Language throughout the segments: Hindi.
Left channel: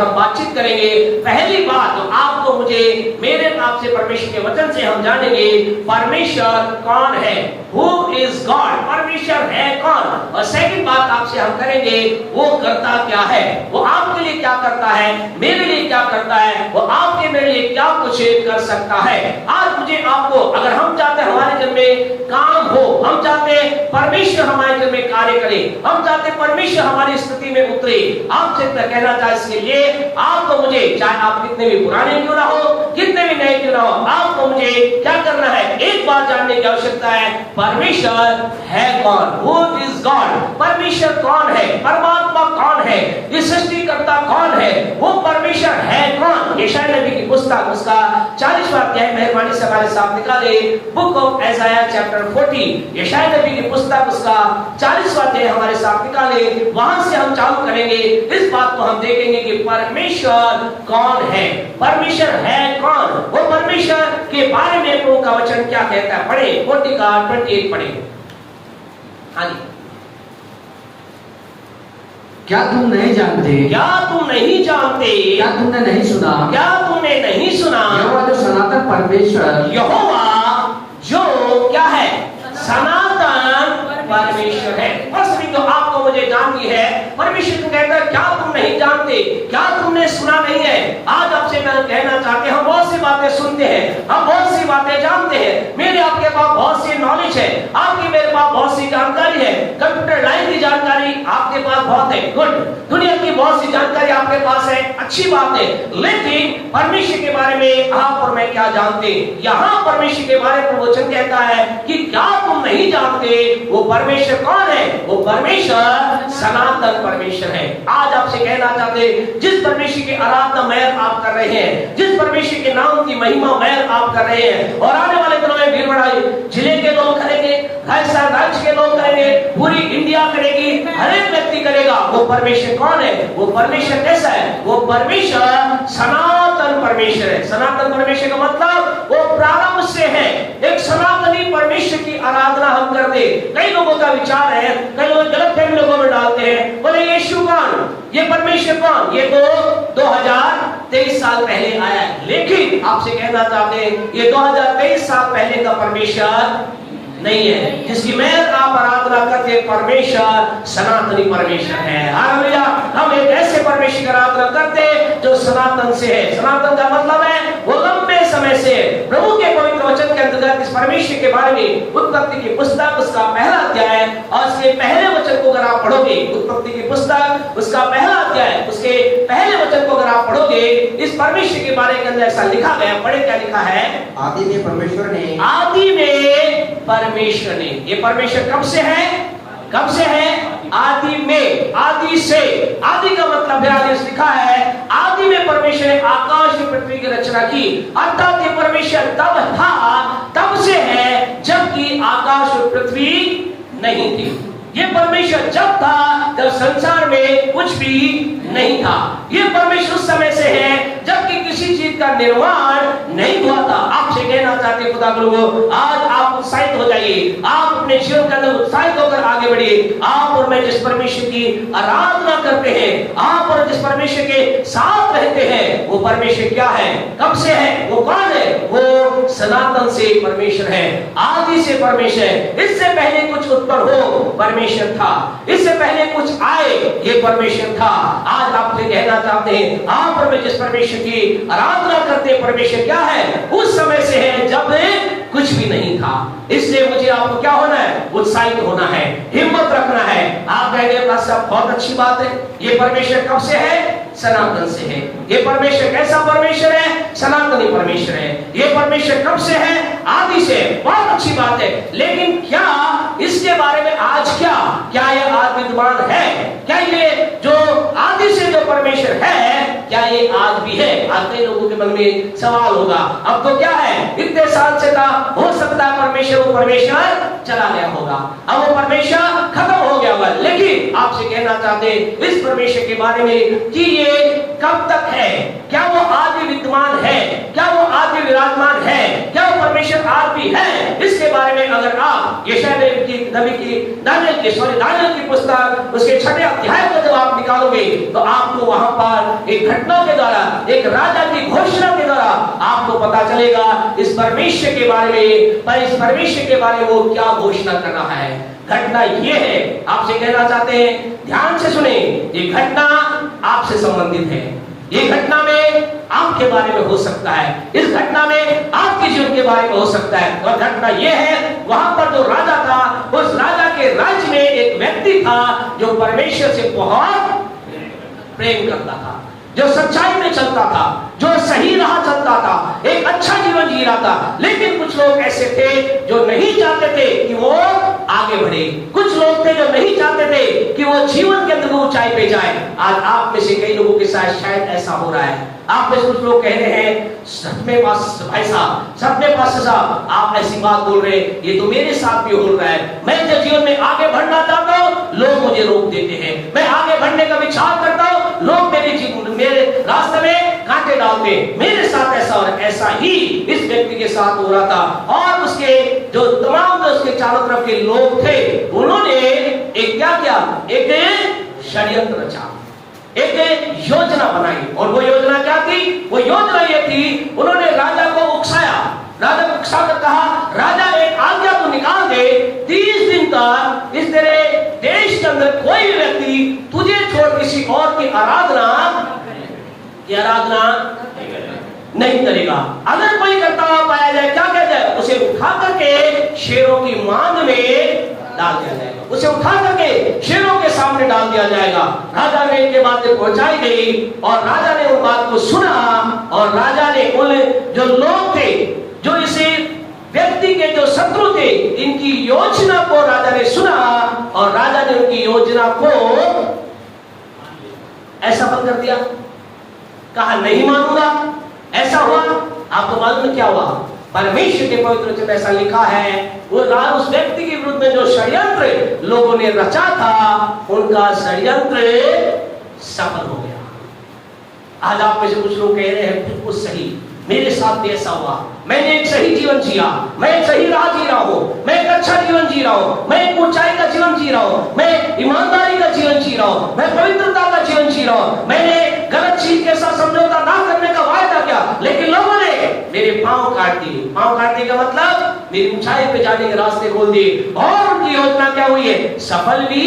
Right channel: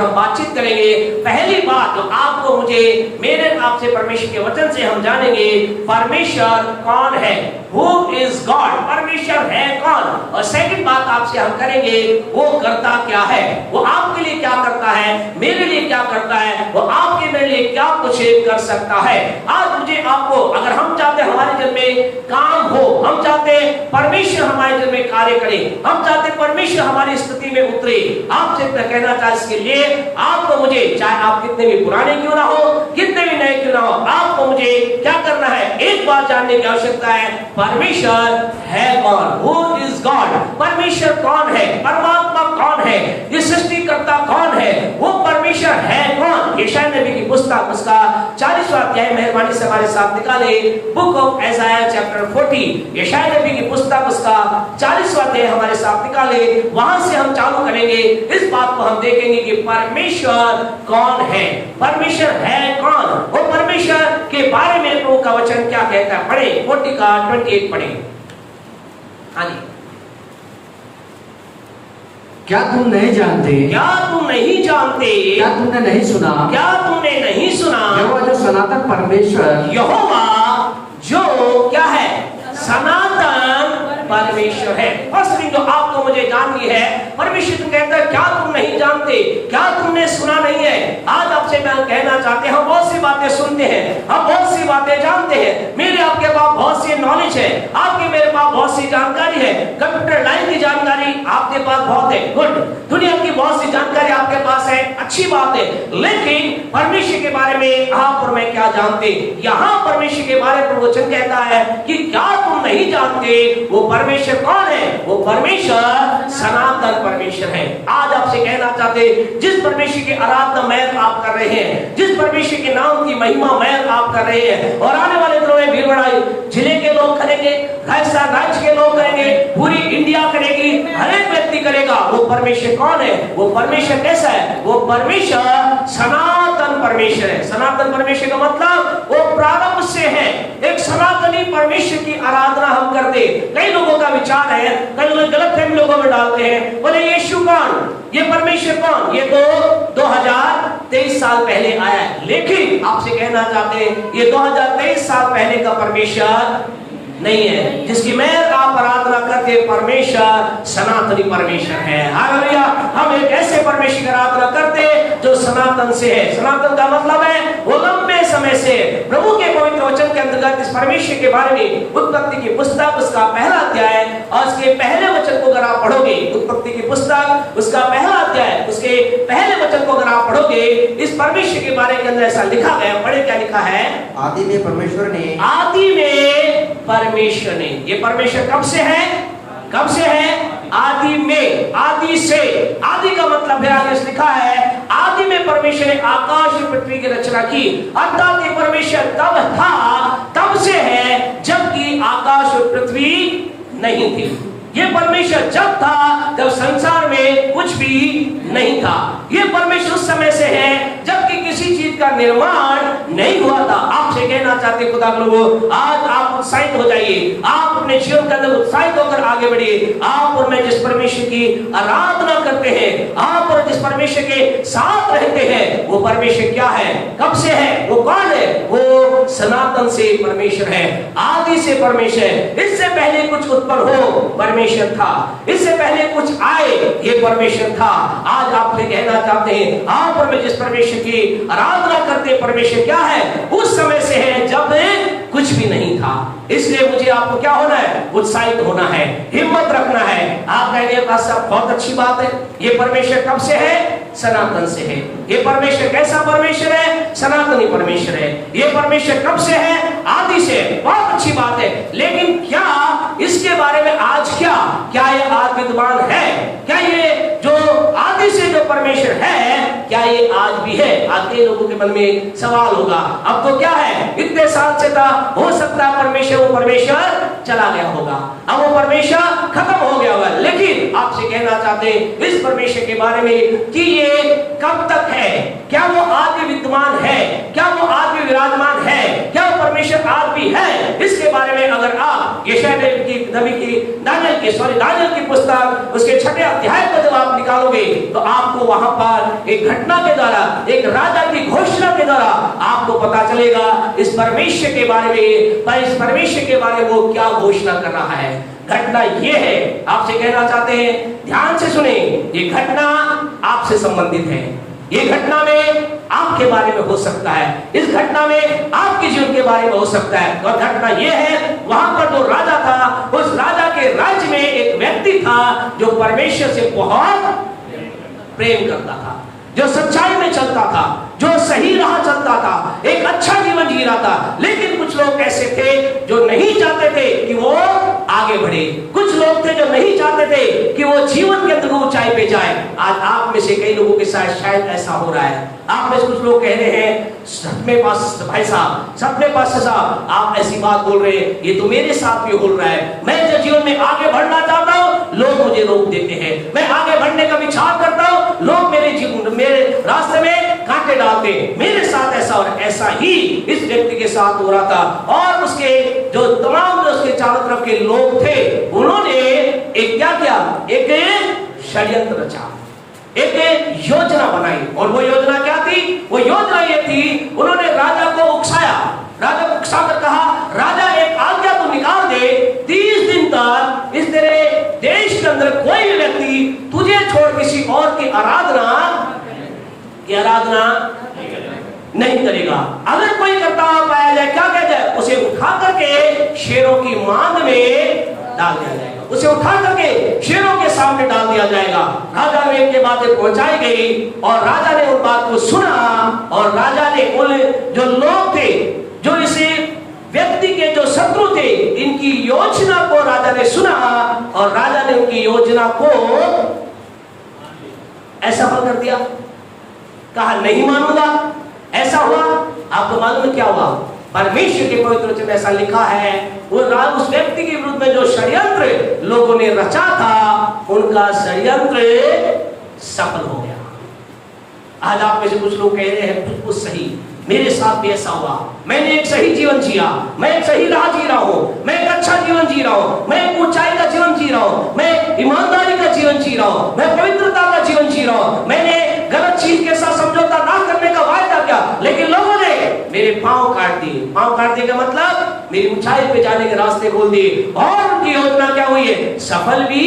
हम बातचीत करेंगे। पहली बात तो आपको मुझे मेरे आपसे परमेश्वर के वचन से हम जानेंगे परमेश्वर कौन है, हु इज गॉड, परमेश्वर है कौन। और सेकंड बात आपसे हम करेंगे वो करता क्या है, वो आपके लिए क्या करता है, मेरे लिए क्या करता है, वो आपके मेरे लिए क्या कुछ कर सकता है। आज मुझे आपको, अगर हम चाहते हैं हमारे जीवन में काम हो, हम चाहते हैं परमेश्वर हमारे जीवन में कार्य करे, हम चाहते हैं परमेश्वर हमारी स्थिति में उतरे, आपसे मैं कहना चाहता इसके लिए आपको मुझे, चाहे आप कितने भी पुराने क्यों ना हो, कितने भी नए क्यों ना हो, आपको मुझे क्या करना है, एक बात जानने की आवश्यकता है, परमेश्वर है कौन, हु इज गॉड, परमेश्वर कौन है, परमात्मा कौन है, ये सृष्टिकर्ता कौन है, वो परमेश्वर है कौन। यशायाह नबी की पुस्तक उसका 40वां अध्याय मेहरबानी से हमारे साथ निकाले, बुक ऑफ आइज़ाया चैप्टर 40, यशायाह नबी की पुस्तक उसका 40वां अध्याय हमारे साथ निकाले, वहां से हम चालू करेंगे। इस बात को हम देखेंगे कि परमेश्वर कौन है, परमेश्वर है कौन, वो परमेश्वर के बारे में प्रभु का वचन क्या कहता है। पढ़े 40 का 28 पढ़े। हाँ जी। क्या तुम नहीं जानते, क्या तुम नहीं जानते, क्या तुमने नहीं सुना, क्या तुमने नहीं सुना, यहोवा जो सनातन परमेश्वर, यहोवा जो क्या है, सनातन परमेश्वर है। फर्स्ट थिंग जो आपको मुझे जाननी है, परमेश्वर कहता है क्या तुम नहीं जानते, क्या तुमने सुना नहीं है। आज आपसे मैं कहना चाहते हैं, हम बहुत सी बातें सुनते हैं, हम बहुत सी बातें जानते हैं, मेरे आपके पास बहुत सी नॉलेज है, आपके मेरे पास बहुत सी जानकारी है, कंप्यूटर लाइन की जानकारी आपके पास बहुत है, गुड, दुनिया की बहुत सी जानकारी आपके पास है, अच्छी बात है, लेकिन परमेश्वर के बारे में आप और मैं क्या जानते। यहाँ परमेश्वर के बारे में वचन कहता है कि क्या तुम नहीं जानते, वो परमेश्वर कौन है, वो परमेश्वर सनातन परमेश्वर है। आज आपसे कहना चाहते, जिस परमेश्वर की आराधना महल आप कर रहे हैं, जिस परमेश्वर के नाम की महिमा महल आप कर रहे हैं, और आने वाले दिनों में भीलवाड़ा जिले के लोग करेंगे, राजस्थान राज्य के लोग करेंगे, पूरी इंडिया करेगी, हर एक व्यक्ति करेगा। वो परमेश्वर कौन है, वो परमेश्वर कैसा है, वो परमेश्वर सनातन परमेश्वर है। सनातन परमेश्वर का मतलब वो प्रारंभ से है, एक सनातनी परमेश्वर की आराधना हम करते। कई लोगों का विचार है, कई लोग गलतफहमी लोगों में डालते हैं, बोले यीशु कौन, ये परमेश्वर कौन, ये तो 2023 साल पहले आया है। लेकिन आपसे कहना चाहते हैं, ये 2023 साल पहले का परमेश्वर नहीं है, जिसकी मैं आप आराधना करते परमेश्वर सनातनी परमेश्वर है। हालेलुया। हम एक ऐसे परमेश्वर की आराधना करते जो सनातन से है। सनातन का मतलब है वो लंबे समय से। प्रभु के पवित्र वचन के अंतर्गत इस परमेश्वर के बारे में उत्पत्ति की पुस्तक उसका पहला अध्याय और उसके पहले वचन को अगर आप पढ़ोगे, उत्पत्ति की पुस्तक उसका पहला अध्याय उसके पहले वचन को अगर आप पढ़ोगे, इस परमेश्वर के बारे के अंदर ऐसा लिखा गया, पढ़े क्या लिखा है, आदि में परमेश्वर ने, आदि में परमेश्वर ने। ये परमेश्वर कब से है, कब से है, आदि में, आदि से। आदि का मतलब है, आगे लिखा है आदि में परमेश्वर ने आकाश और पृथ्वी की रचना की। अर्थात ये परमेश्वर तब था, तब से है जबकि आकाश और पृथ्वी नहीं थी। ये परमेश्वर जब था जब संसार में कुछ भी नहीं था। ये परमेश्वर उस समय से है जबकि किसी चीज का निर्माण नहीं हुआ था। आपसे कहना चाहते खुदा के लोगों, आज आप उत्साहित हो जाइए, आप अपने जीवन के अंदर उत्साहित होकर आगे बढ़िए। आप और मैं जिस परमेश्वर की आराधना करते हैं, आप और जिस परमेश्वर के साथ रहते हैं, वो परमेश्वर क्या है, कब से है, वो कौन है, वो सनातन से परमेश्वर है, आदि से परमेश्वर है। इससे पहले कुछ उत्पन्न हो परमेश्वर था, इससे पहले कुछ आए ये परमेश्वर था। आज आपसे कहना चाहते हैं, आप और मैं जिस परमेश्वर की आराधना करते हैं, परमेश्वर क्या है, उस समय से है जब कुछ भी नहीं था। इसलिए मुझे आपको क्या होना है, उत्साहित होना है, हिम्मत रखना है। आप कहेंगे बहुत अच्छी बात है, ये परमेश्वर कब से है, सनातन से है। ये परमेश्वर कैसा परमेश्वर है, सनातनी परमेश्वर है। ये परमेश्वर कब से है, आदि से। बहुत अच्छी बात है, लेकिन क्या इसके बारे में आज क्या ये आज विद्वान है, क्या ये जो आदि से जो परमेश्वर है, क्या ये आज भी है। आज कई लोगों के मन में सवाल होगा, अब तो क्या है, इतने साल से था, हो सकता है परमेश्वर वो परमेश्वर चला गया होगा, अब वो परमेश्वर खत्म हो गया होगा। लेकिन आपसे कहना चाहते इस परमेश्वर के बारे में कि ये कब तक है, क्या वो आज भी विद्यमान है, क्या वो आज भी विराजमान है, क्या वो परमेश्वर आज भी है, इसके बारे में अगर आप यशायाह दानियल की पुस्तक उसके 6वें अध्याय को जब आप निकालोगे तो आपको वहां पर एक घटना के द्वारा, एक राजा की घोषणा के द्वारा आपको पता चलेगा इस परमेश्वर के बारे में, पर इस परमेश्वर के बारे में वो क्या घोषणा कर रहा है। घटना ये है, आपसे कहना चाहते हैं, ध्यान से सुने, ये घटना आपसे संबंधित है। ये घटना में आपके बारे में हो सकता है, इस घटना में आपके जीवन के बारे में हो सकता है। और घटना यह है, वहां पर जो राजा था, उस राजा के राज्य में एक व्यक्ति था जो परमेश्वर से बहुत प्रेम करता था, जो सच्चाई में चलता था, जो सही राह चलता था, एक अच्छा जीवन जी रहा था। लेकिन कुछ लोग ऐसे थे जो नहीं चाहते थे कि वो आगे बढ़े। कुछ लोग थे जो नहीं चाहते थे कि वो जीवन के अंदर ऊंचाई पे जाए। आज आप में से कई लोगों के साथ शायद ऐसा हो रहा है। आप में से कुछ लोग कह रहे हैं, सपने पास भाई साहब, सपने पास साहब, आप ऐसी बात बोल रहे हैं, ये तो मेरे साथ भी हो रहा है। मैं जब जीवन में आगे बढ़ना चाहता हूँ, लोग मुझे रोक देते हैं। मैं आगे बढ़ने का विचार करता हूँ, लोग मेरे रास्ते में कांटे डालते हैं। मेरे साथ ऐसा और ऐसा ही इस व्यक्ति के साथ हो रहा था। और उसके जो तमाम जो उसके चारों तरफ के लोग थे, उन्होंने एक क्या किया, एक षड्यंत्र रचा, एक योजना बनाई। और वो योजना क्या थी? वो योजना ये थी, उन्होंने राजा को उकसाया। राजा को उकसा कर कहा, राजा एक आज्ञा को निकाल दे, 30 दिन तक इस तेरे देश के अंदर कोई भी व्यक्ति तुझे छोड़ किसी और की आराधना नहीं करेगा। अगर कोई करता हुआ पाया जाए, क्या कहते हैं, उसे उठा करके शेरों की मांद में डाल दिया जाएगा। उसे उठा करके शेरों के सामने डाल दिया जाएगा। राजा ने ये बातें पहुंचाई गई और राजा ने उन बात को सुना। और राजा ने उन जो लोग थे, जो इसे व्यक्ति के जो शत्रु थे, इनकी योजना को राजा ने सुना और राजा ने उनकी योजना को ऐसा कर दिया, कहा नहीं मानूंगा। ऐसा हुआ। आपको मालूम है क्या हुआ? परमेश्वर के पवित्र वचन में ऐसा लिखा है, वो उस व्यक्ति के विरुद्ध में जो षड्यंत्र लोगों ने रचा था, उनका षड्यंत्र सफल हो गया। आज आप में से कुछ लोग कह रहे हैं, बिल्कुल सही, मेरे साथ भी ऐसा हुआ। मैंने एक सही जीवन जिया, मैं एक सही राह जी रहा हूँ, मैं एक अच्छा जीवन जी रहा हूँ, मैं एक ऊंचाई का जीवन जी रहा हूँ, मैं ईमानदारी का जीवन जी रहा हूँ, मैं पवित्रता का जीवन जी रहा हूँ, मैंने गलत चीज के साथ समझौता ना करने का वायदा किया, लेकिन लोगों ने मेरे पांव काट दिए। पांव काटने का मतलब मेरी ऊंचाई पे जाने के रास्ते खोल दिए। और उनकी योजना क्या हुई है? सफल भी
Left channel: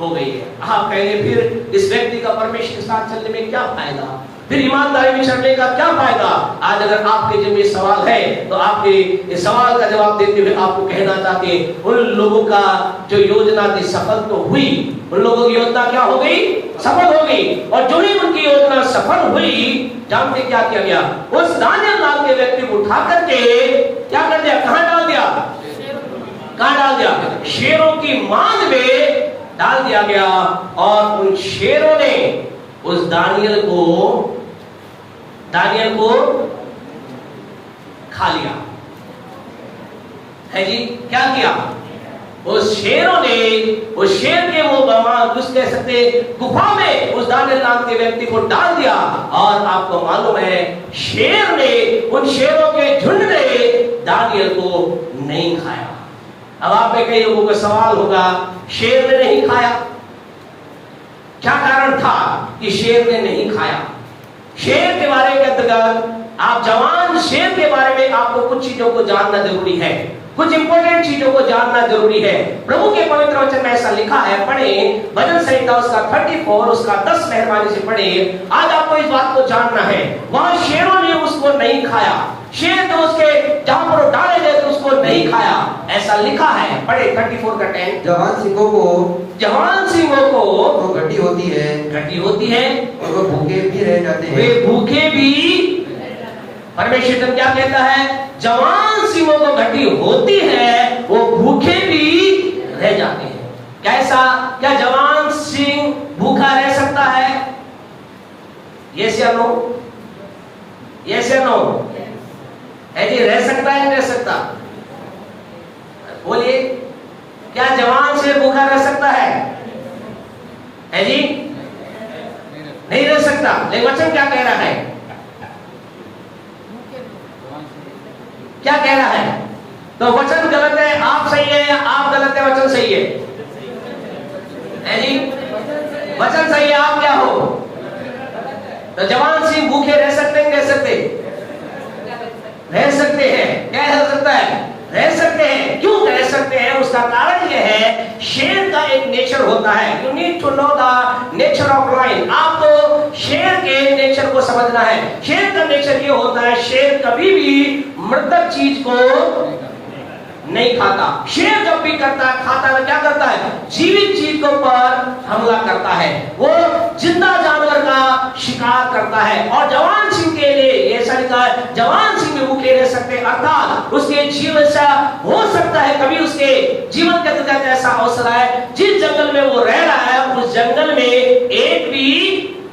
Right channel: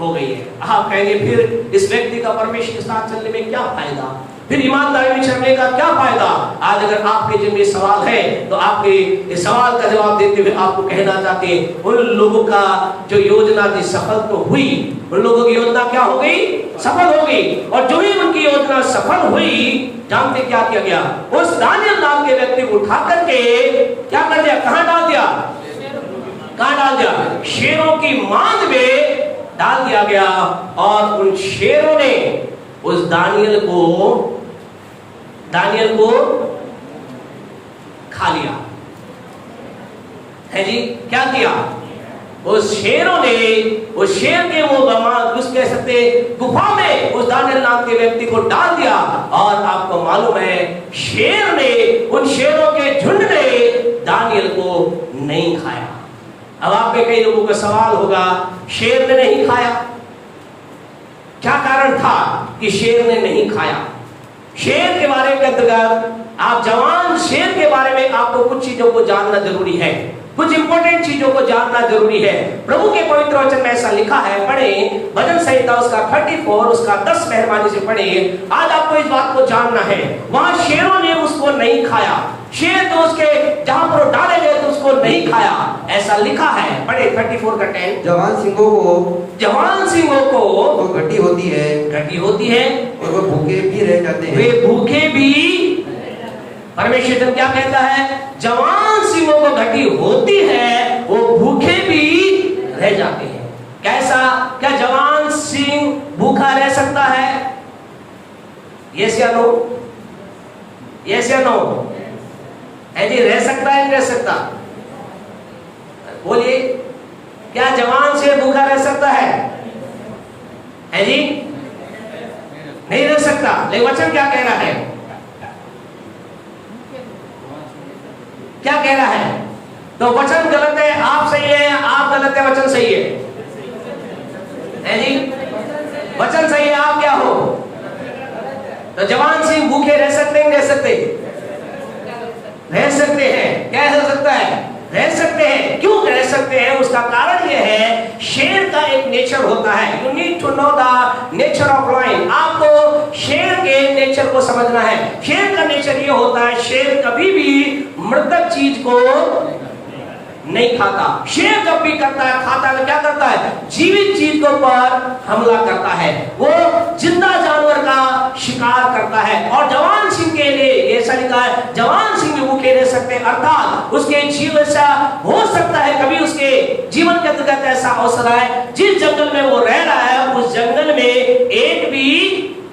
हो गई है। आप कहेंगे, फिर इस व्यक्ति का परमेश्वर के साथ चलने में क्या फायदा, फिर ईमानदारी में चलने का क्या फायदा? आज अगर आपके जिन में सवाल है, तो आपके इस सवाल का जवाब देते हुए आपको कहना चाहते हैं, उन लोगों का जो योजना थी सफल तो हुई। उन लोगों की योजना क्या हो गई? सफल हो गई। और जो ही उनकी योजना सफल हुई, जानते क्या किया गया? उस दानियल नाम के व्यक्ति को उठा करके क्या कर दिया? कहां डाल दिया? कहां डाल दिया? शेरों की मांद में डाल दिया गया। और उन शेरों ने उस दानियल को खा लिया है जी। क्या किया? उस शेरों ने, उस शेर के वो कुछ कह सकते गुफा में उस दानियल नाम के व्यक्ति को डाल दिया। और आपको मालूम है, शेर ने, उन शेरों के झुंड ने दानियल को नहीं खाया। अब आप में कई लोगों का सवाल होगा, शेर ने नहीं खाया, क्या कारण था कि शेर ने नहीं खाया? शेर के बारे में अंतर्गत आप जवान शेर के बारे में आपको कुछ चीजों को जानना जरूरी है, कुछ इंपॉर्टेंट चीजों को जानना जरूरी है। प्रभु के पवित्र वचन में ऐसा लिखा है, पढ़े भजन संहिता उसका 34 उसका 10 मेहरबानी से पढ़े। आज आपको इस बात को जानना है, वहां शेरों ने उसको नहीं खाया। शेर तो उसके जहां पर डाले गए तो उसको नहीं खाया, ऐसा लिखा है। पढ़े 34 का 10। जवान सिंहों को वो घटी होती है और वो भूखे भी रह जाते हैं। वे भूखे भी, परमेश्वर जब क्या कहता है? जवान सिंहों को घटी होती है, वो भूखे भी रह जाते हैं। कैसा? क्या जवान सिंह भूखा रह सकता है? यस या नो? यस या नो? जी, रह सकता है, नहीं रह सकता? बोलिए, क्या जवान सिंह भूखा रह सकता है जी? नहीं रह सकता। लेकिन वचन क्या कह रहा है? क्या कह रहा है? तो वचन गलत है, आप सही है या आप गलत है, वचन सही है? हैं जी? वचन सही है, आप क्या हो? तो जवान सिंह भूखे रह सकते हैं, रह सकते? रह सकते हैं। क्या हो सकता है? रह सकते हैं। क्यों रह सकते हैं? उसका कारण यह है, शेर का एक नेचर होता है। You need to know the nature of lion. आपको शेर के नेचर को समझना है। शेर का नेचर ये होता है, शेर कभी भी मृतक चीज को नहीं खाता। शेर जब भी करता है, खाता है, क्या करता है? जीवित चीज के ऊपर हमला करता है। वो जिंदा जानवर का शिकार करता है। और जवान सिंह के लिए ऐसा लिखा है, जवान सिंह भी भूखे रह सकते हैं, अर्थात उसके जीवन ऐसा हो सकता है, कभी उसके जीवन के अंतर्गत ऐसा अवसर है, जिस जंगल में वो रह रहा है, उस जंगल में एक भी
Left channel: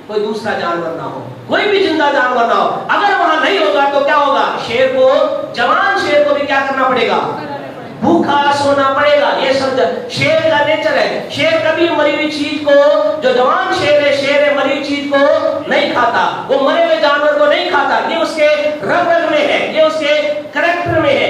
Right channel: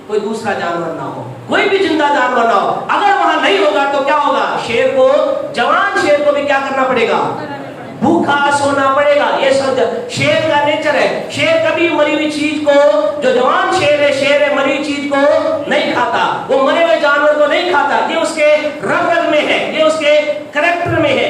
कोई दूसरा जानवर ना हो, कोई भी जिंदा जानवर ना हो। अगर वहां नहीं होगा तो क्या होगा? शेर को, जवान शेर को भी क्या करना पड़ेगा? भूखा सोना पड़ेगा। ये समझ, शेर का नेचर है। शेर कभी मरी हुई चीज को, जो जवान शेर है मरी हुई चीज को नहीं खाता। वो मरे हुए जानवर को नहीं खाता। ये उसके रग रग में है, ये उसके करैक्टर में है।